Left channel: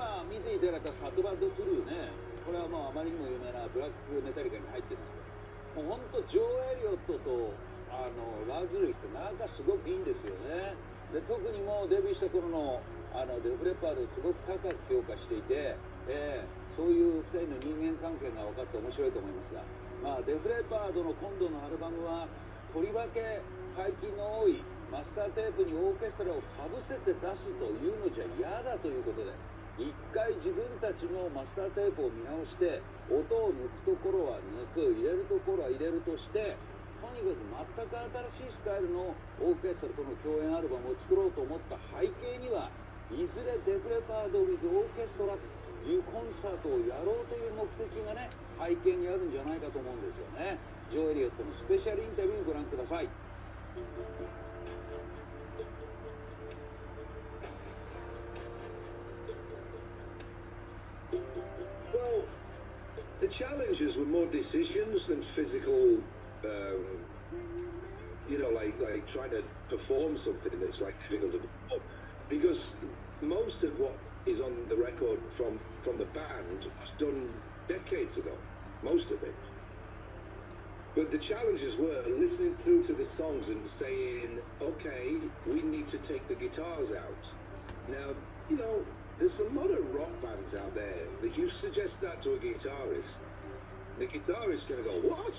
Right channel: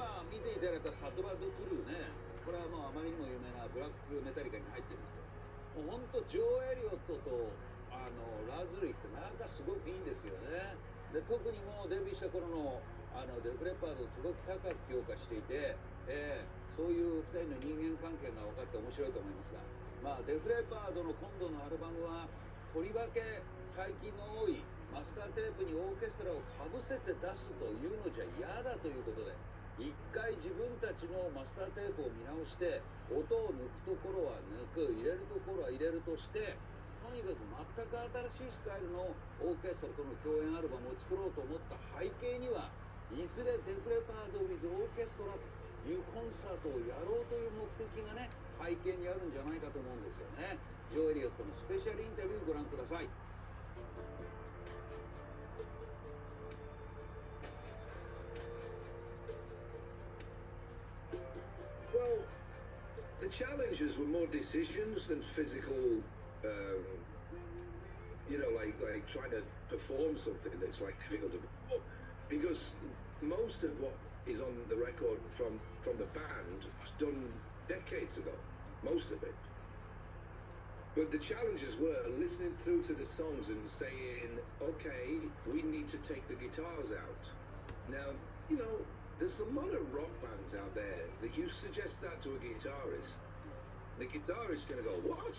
今見ていただいたサトバッドトゥルーね、これはもうあまりにも有名なブラックメタリカに入ってるんですよ。もう本当ジョー・エリオットとラズリーってなんかすごくいいんですよね。で特にもうデビューした頃のデフレパードをすごく高く評価していて、そういう2人の人間関係が分かって面白いと思いますが、まあ、デフレパードの今度のアルバムはとりわけ最近の多いマスターテープにオーケストラをかぶせて出すというのじゃ嫌だということで、一回自分たちのマスターテープを見直して音を抜くところは抜く、入れるところは入れるとして、とにかく全く新しいスタイルのオーケストラとの共演アルバムを作ろうと思った背景には、いずれデフレパード with オーケストラというコンサートをやろうという目的がね、背景にあるんじゃないかと思うんですよね。ジョー・エリオットのスペシャルインタビューをご覧ください。Well, the challenges were more decisions than physical, like trying to perform something that's like difficult to perform. Because most of what is on the record from the band was done decades ago, most of it. But the challenges were listening through to the songs and saying, okay, we need to take the guitars out. Now, there's a lot of rock bands out there that you suggest that to a guitarist, the guitarist's going to go, what?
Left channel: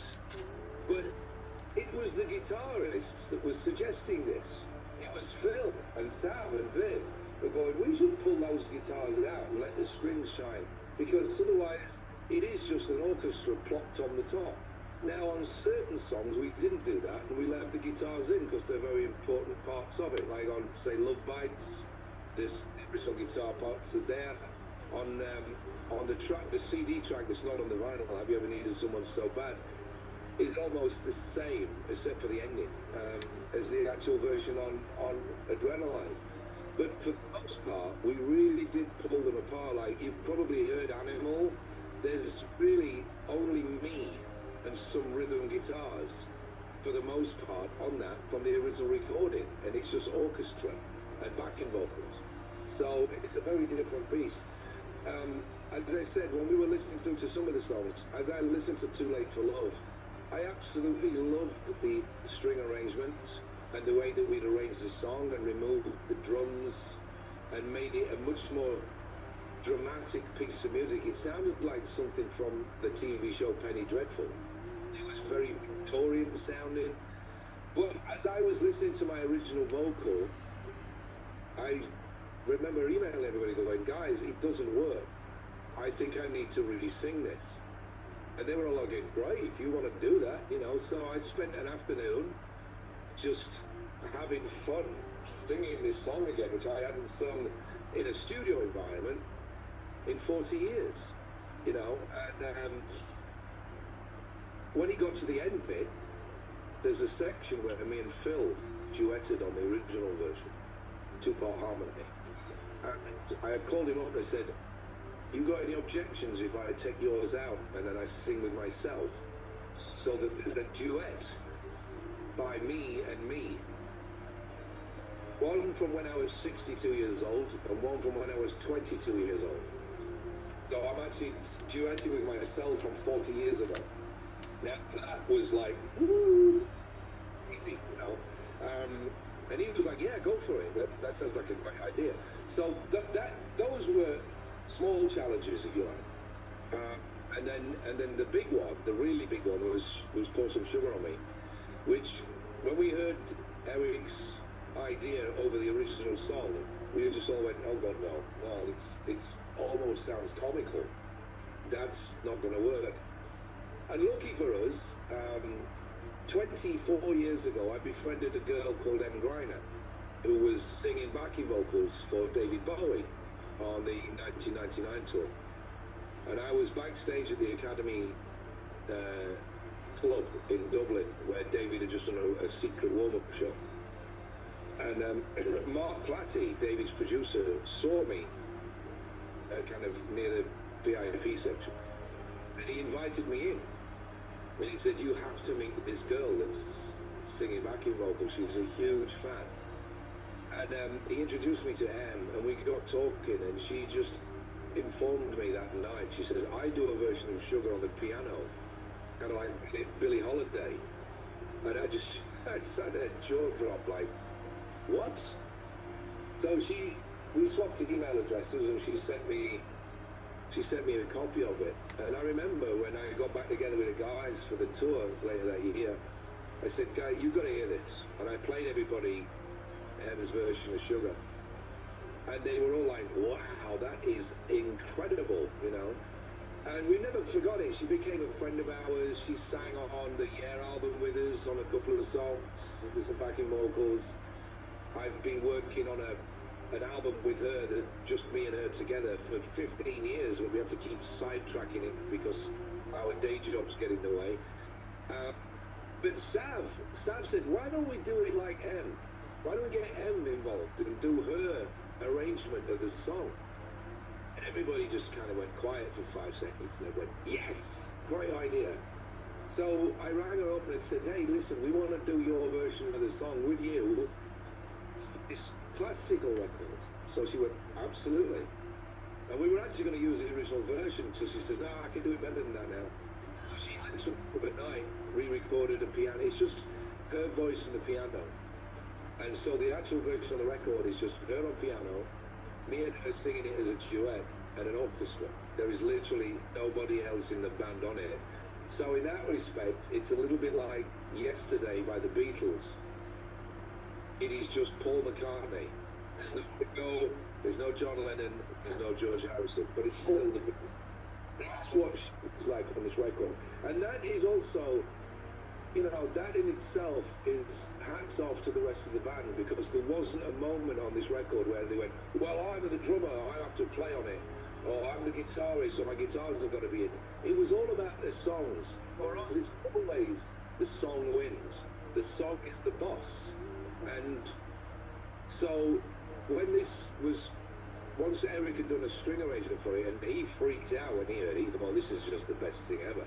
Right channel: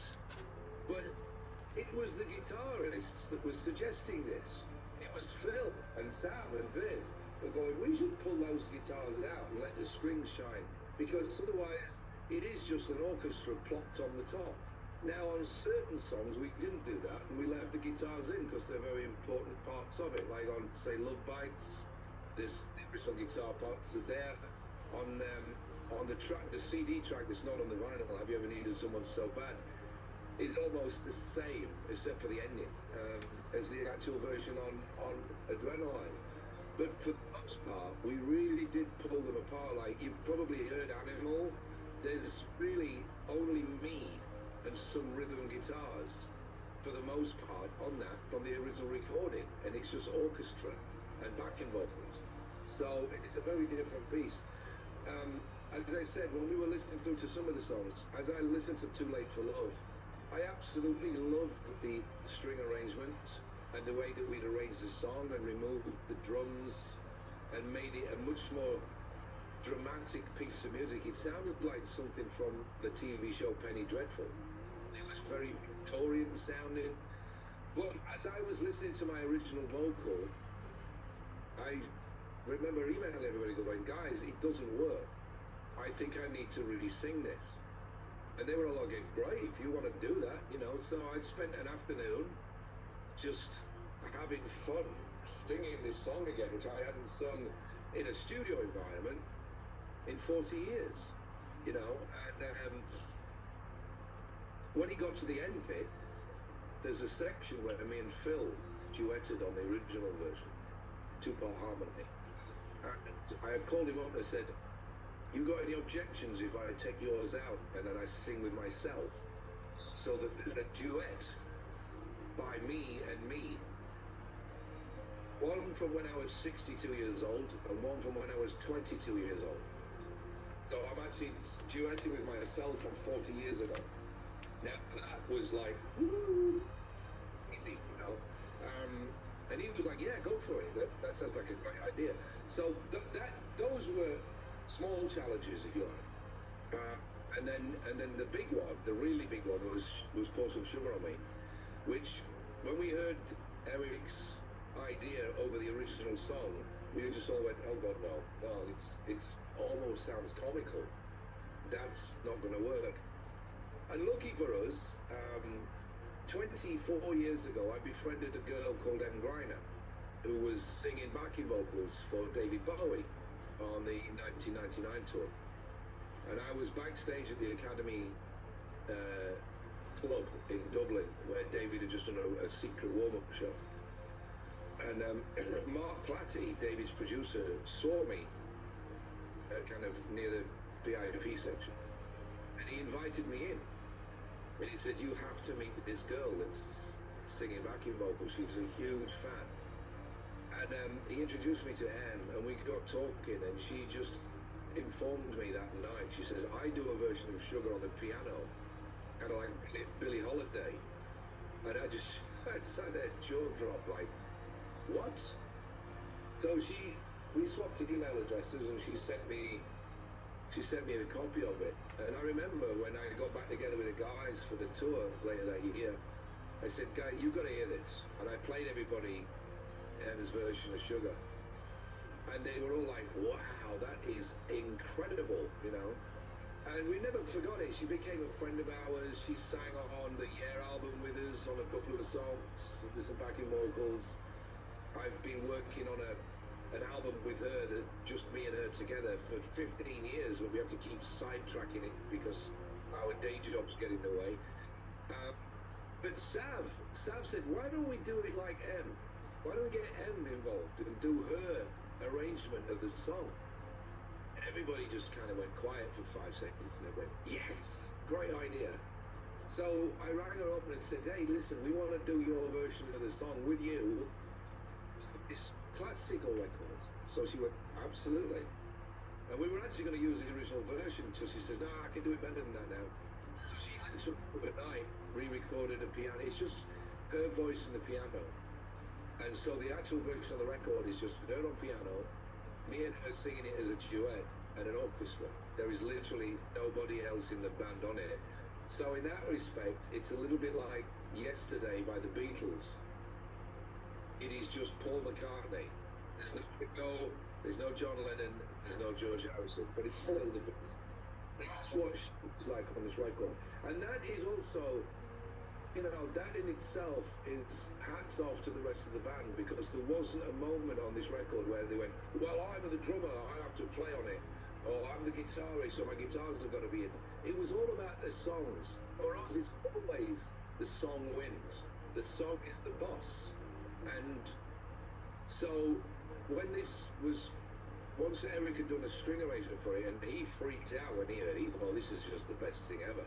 But it was the guitarists that was suggesting this. It was Phil and Sam and Viv were going, we should pull those guitars out and let the strings shine, because otherwise it is just an orchestra plopped on the top. Now on certain songs we didn't do that, and we left the guitars in because they're very important parts of it, like on, say, Love Bites, this original guitar parts are there. On the track, the CD track that's not on the vinyl, Have You Ever Needed Someone So Bad, is almost the same, except for the ending, as the actual version on Adrenaline. But for the most part, we really did pull them apart. Like, you've probably heard Animal, there's really only me and some rhythm guitars, for the most part, on that, from the original recording, and it's just orchestra and backing vocals. So it's a very different piece. As I said, when we were listening through to some of the songs, as I listened to Too Late for Love, I absolutely loved the string arrangements and the way that we'd arranged the song and removed the drums and made it a much more dramatic piece of music. It sounded like something from the TV show Penny Dreadful. It was very Victorian sounding. But as I was listening to my original vocal, I remember emailing everybody going, guys, it doesn't work. I think I need to really sing this. And they were all like, great, if you want to do that, So I spent an afternoon just having fun singing this song again, which I hadn't sung in a studio environment in 40 years, And when he got to the end bit, there's a section where me and Phil duetted on the original version, two-part harmony. And I had called him up and I said, you got any objections if I take yours out and then I sing with myself? So that there's a duet by me and me. One from when I was 62 years old and one from when I was 22 years old. So I'm actually duetting with myself from 40 years ago. Now that was like, woo, easy, and he was like, yeah, go for it. That sounds like a great idea. So those were small challenges, if you like. And then the big one, the really big one, was Pour Some Sugar on Me, which when we heard Eric's idea over the original song, we just all went, oh God, no, it's almost sounds comical. That's not going to work. And lucky for us, 24 years ago, I befriended a girl called Em Griner, who was singing backing vocals for David Bowie on the 1999 tour. And I was backstage at the Academy Club in Dublin, where David had just done a secret warm-up show. And Mark Platty, David's producer, saw me kind of near the VIP section. And he invited me in. And he said, you have to meet this girl that's singing backing vocals. She's a huge fan. And he introduced me to Em, and we got talking, and she just informed me that night. She says, I do a version of Sugar on the piano, kind of like Billie Holiday. And I sat there, jaw dropped, like, what? So we swapped email addresses, and she sent me a copy of it. And I remember when I got back together with the guys for the tour later that year, I said, Guy, you've got to hear this. And I played everybody Emma's version of Sugar. And they were all like, wow, that is incredible, you know. And we never forgot it. She became a friend of ours. She sang on the Yeah album with us on a couple of songs, did some backing vocals. I've been working on an album with her, that just me and her together, for 15 years, but we have to keep sidetracking it because our day jobs get in the way. But Sav said, why don't we do it like M? Why don't we get M involved and do her arrangement of the song? Everybody just kind of went quiet for 5 seconds, and they went, yes, great idea. So I rang her up and said, hey, listen, we want to do your version of the song with you for this classical record. So she went, absolutely. And we were actually going to use the original version until she says, no, I can do it better than that now. So she listened up at night, re-recorded a piano. It's just her voice and the piano. And so the actual version of the record is just her on piano, me and her singing it as a duet and an orchestra. There is literally nobody else in the band on it. So in that respect, it's a little bit like Yesterday by the Beatles. It is just Paul McCartney. There's no John Lennon, there's no George Harrison, but it's still the Beatles. That's what she's like on this record. And that is also, you know, that in itself is hats off to the rest of the band, because there wasn't a moment on this record where they went, well, I'm the drummer, I have to play on it, or I'm the guitarist, so my guitars have got to be in. It was all about the songs. For us, it's always the song wins. The song is the boss. And so when this was, once Eric had done a string arrangement for it, and he freaked out when he heard it, he thought, oh, this is just the best thing ever.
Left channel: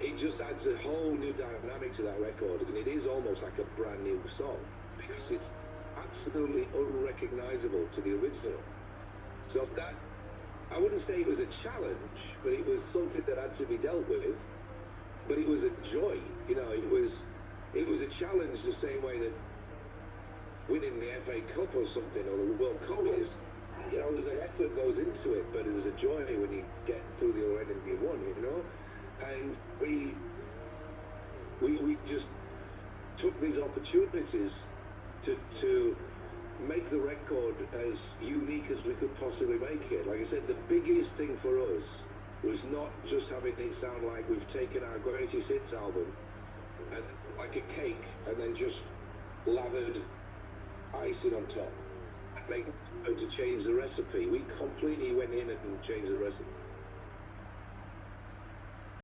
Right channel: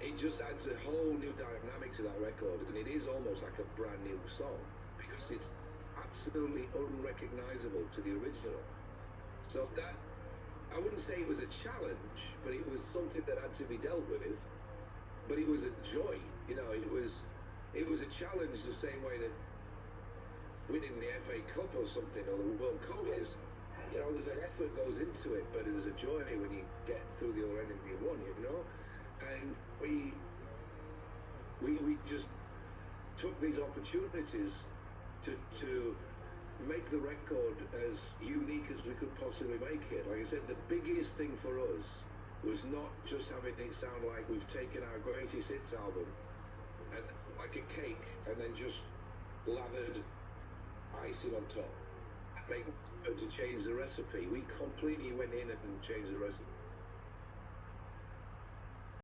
It just adds a whole new dynamic to that record, and it is almost like a brand new song, because it's absolutely unrecognizable to the original. So that, I wouldn't say it was a challenge, but it was something that had to be dealt with. But it was a joy, you know. It was a challenge the same way that winning the FA Cup or something, or the World Cup is. You know, there's an effort goes into it, but there's a joy when you get through the other end and you won, you know. And we just took these opportunities to make the record as unique as we could possibly make it. Like I said, the biggest thing for us was not just having it sound like we've taken our greatest hits album and like a cake and then just lathered icing on top, make to change the recipe. We completely went in and changed the recipe.